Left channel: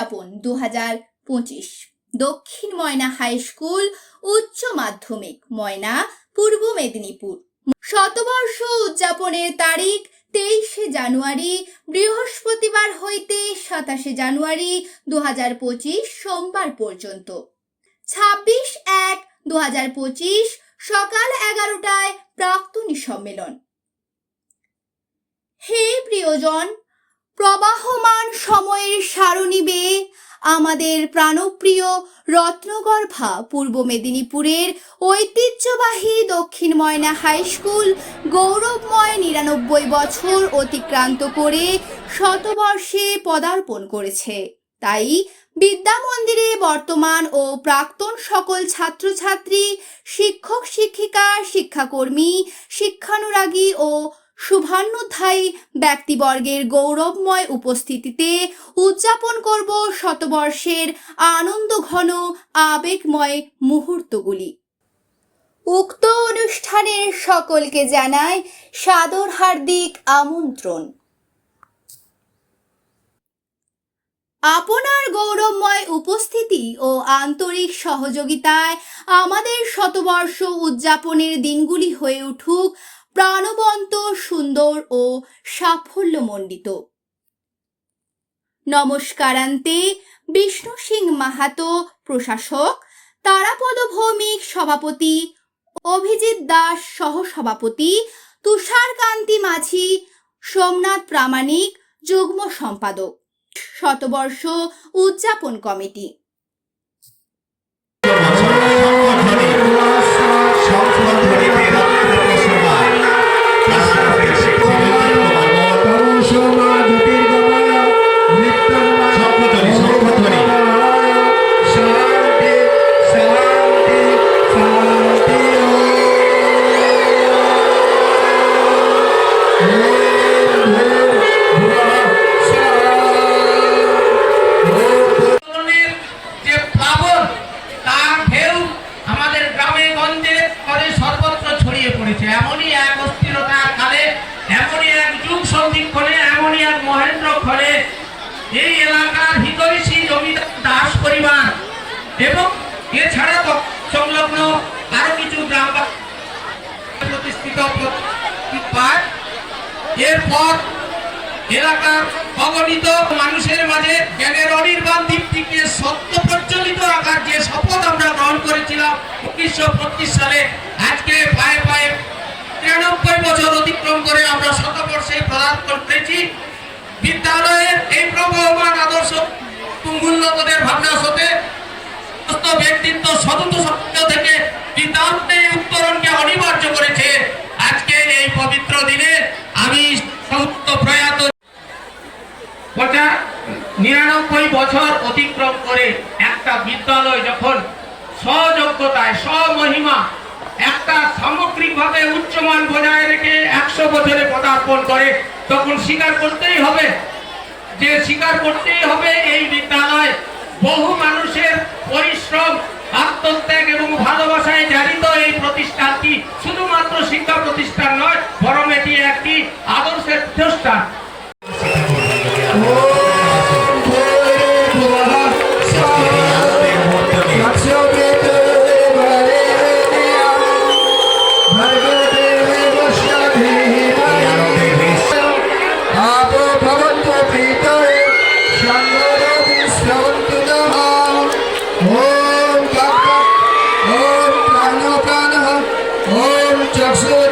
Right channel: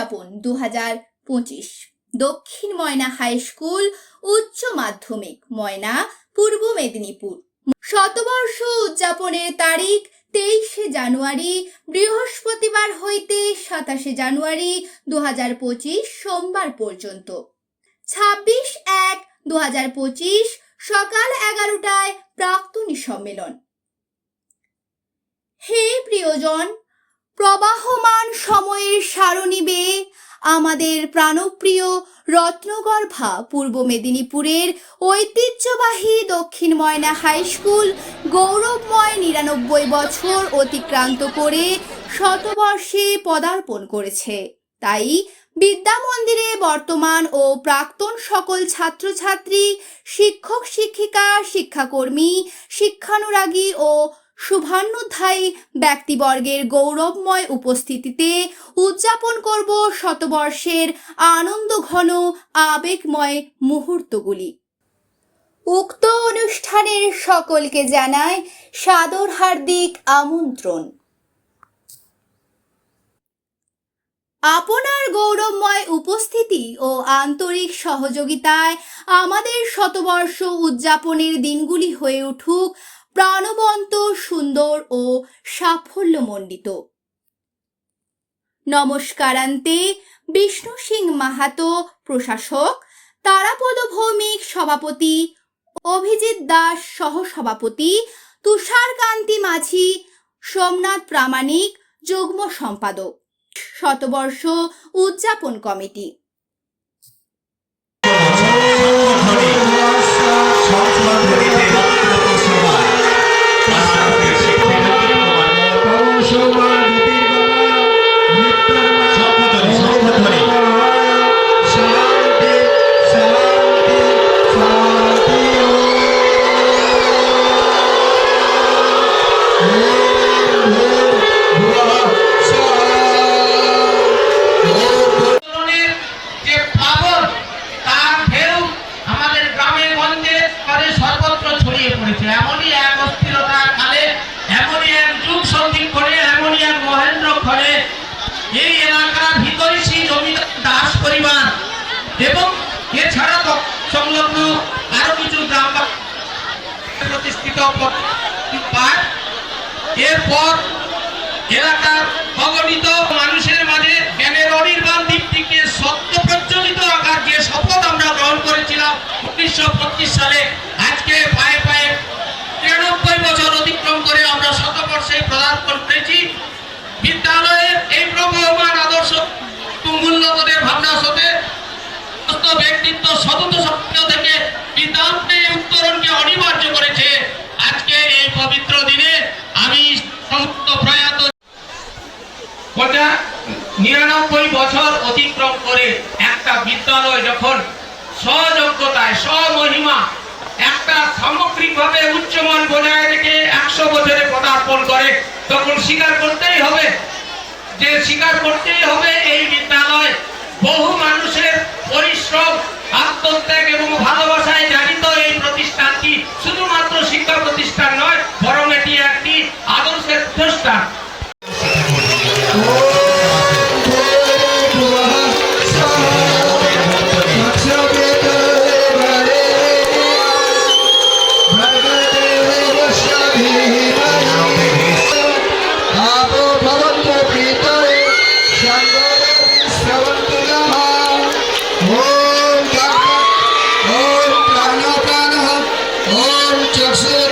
উদযাপন দু হাজার পঁচিশ। দক্ষিণ ময়না হাই স্কুল, উচ্চ মাধ্যমিক ময়না, পূর্ব মেদিনীপুর। শতবর্ষ উদযাপনের তারিখ তেইশে জানুয়ারি, বৃহস্পতিবার হইতে সাতাশে জানুয়ারি দু হাজার পঁচিশ সোমবার পর্যন্ত। ছাব্বিশ এক দু হাজার পঁচিশ সকাল এগারোটায় প্রাক্তনী সম্মেলন। হে প্রিয়জন প্রবাহমান সময়ের সারণী বেয়ে আমাদের প্রাণপ্রিয় রত্নগর্ভা পূর্ব মেদিনীপুরের ঐতিহ্যবাহী দক্ষিণ ময়না হাই স্কুল গৌরবময় নিরানব্বই বছর অতিক্রান্ত করে শতবর্ষে পদার্পণ করেছে। তাই বিদ্যা মন্দিরে বর্তমান ও প্রাক্তন সকল ছাত্রছাত্রী শিক্ষক শিক্ষিকা শিক্ষাকর্মী, শিক্ষানুরাগী ও শুভান্নধ্যায়ী ব্যক্তিবর্গের গৌরবময় উপস্থিতিতে উদযাপন করব শতবর্ষের আনন্দঘন, আবেগময় মুহূর্তগুলি। উক্ত অনুষ্ঠানের সকলকে জানায় সাদর হার্দিক আমন্ত্রণ। আপনার গৌরবময় উপস্থিতি ও আন্তরিক সহযোগিতায় আমাদের শতবর্ষ উদযাপনের দিনগুলি হয়ে উঠুক। প্রাণবন্ত, সুন্দর ও সাফল্যমণ্ডিত। নমস্কারান্তে বিষ্ণু সিং মাহাতো, প্রশাসক তারাপদ ভৌমিক সভাপতি অভিজিৎ দাস সহ সহসভাপতি তুষারকান্তি মাঝি, সোমনাথ প্রামাণিক, যুগ্ম সম্পাদক। শতবর্ষ উদযাপন কমিটি। এবং এছাড়া সংলগ্ন আরও কিছু গ্রাম প্রতিষ্ঠিত এরপর এলাকার অগণিত মানুষের মাঝে জ্ঞানের অনির্বাণ দীপ্তিকে সত্য প্রজ্বলিত রাখার যে শপথ আমরা গ্রহণ করেছিলাম উনিশশো পঁচিশ সালে। আজকে পায়ে পায়ে তিরানব্বই বছর অতিক্রম করে আমরা শতবর্ষে পদার্পণ করেছি। বিদ্যালয়ের এই প্রবহমান আদর্শ তুমুল্যবোধের ভাবনা সমস্ত ব্যক্তিত্ব সতত সত্য থেকে বিদ্যান্তে উত্তরণকে অনিবার্য করেছে। আজকে এই পবিত্র দিনে আমি সমস্ত প্রয়াত নিরানব্বই বছর অতিক্রম করে একটা বিদ্যালয় যখন সযোগ্যতায় স্বমহিমা একটা সামগ্রিকভাবে উচ্চমান বজায় রেখে একশো বছরে পদার্পণ করে, তখন স্বীকার করতেই হবে যে স্বীকার করতেই হবে এই বিদ্যালয় বহু মানুষের পরিশ্রম, আত্মত্যাগ এবং ভালোবাসায় জানিত এই প্রতিষ্ঠানটি শুধুমাত্র শিক্ষা প্রতিষ্ঠান নয়, বরং এটি একটি আদর্শের প্রতিষ্ঠান। আপো ভবন্তু ভিতরে to exalt